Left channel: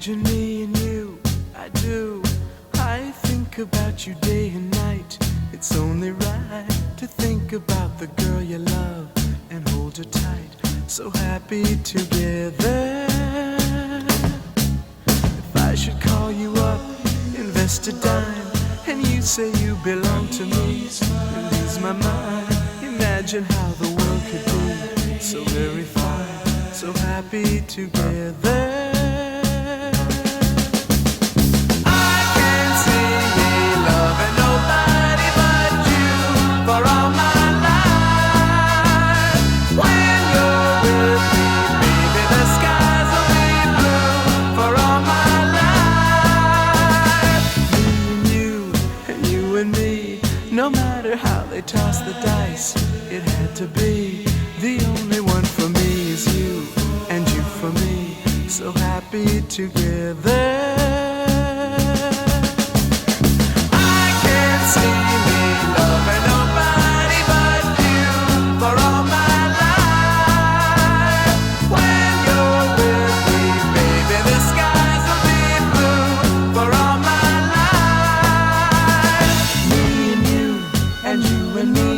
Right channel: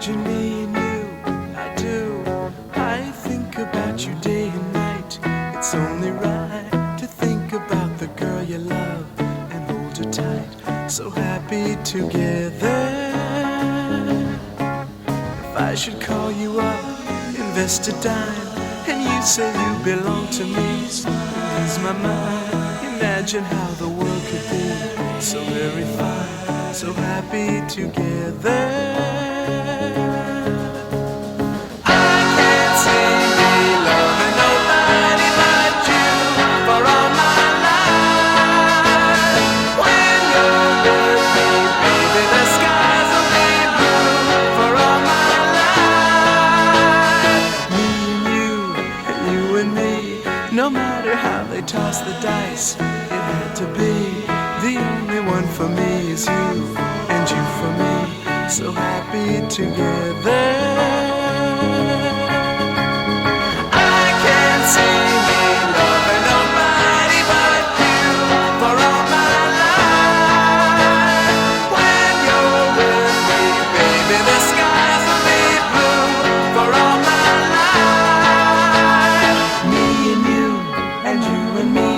Imagine me and you, I do. I think about you day and night. It's only right to think about the girl you love and hold her tight. So happy together. If I should call you up, invest a dime, and you say you belong to me, and ease my mind. Imagine how the world could be so very fine, so happy together. No matter how they toss the dice, it had to be. The only one for me is you, and you for me, so happy together. I can't see me loving nobody but you for all my life. When you're with me, baby, the skies will be blue for all my life. Me and you, and you and me,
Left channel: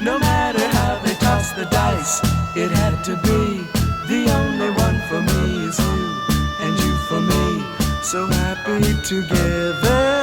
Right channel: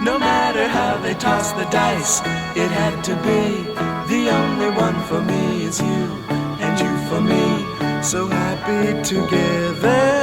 no matter how they toss the dice, it had to be. The only one for me is you, and you for me, so happy together.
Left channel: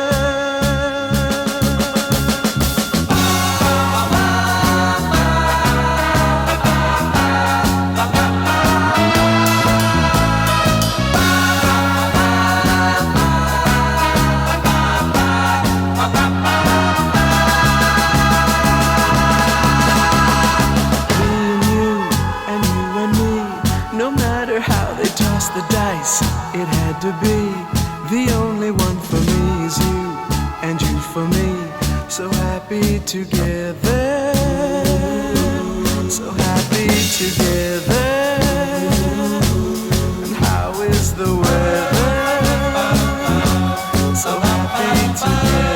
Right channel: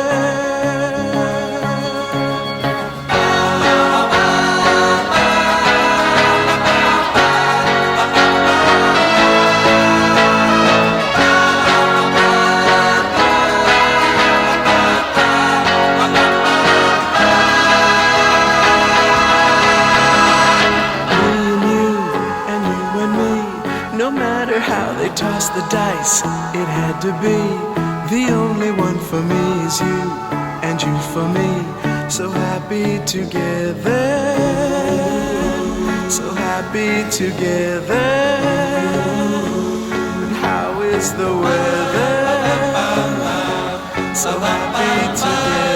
No matter how they toss the dice, it had to be. The only one for me is you, and you for me, so happy together. So happy together. And how is the weather? So happy together.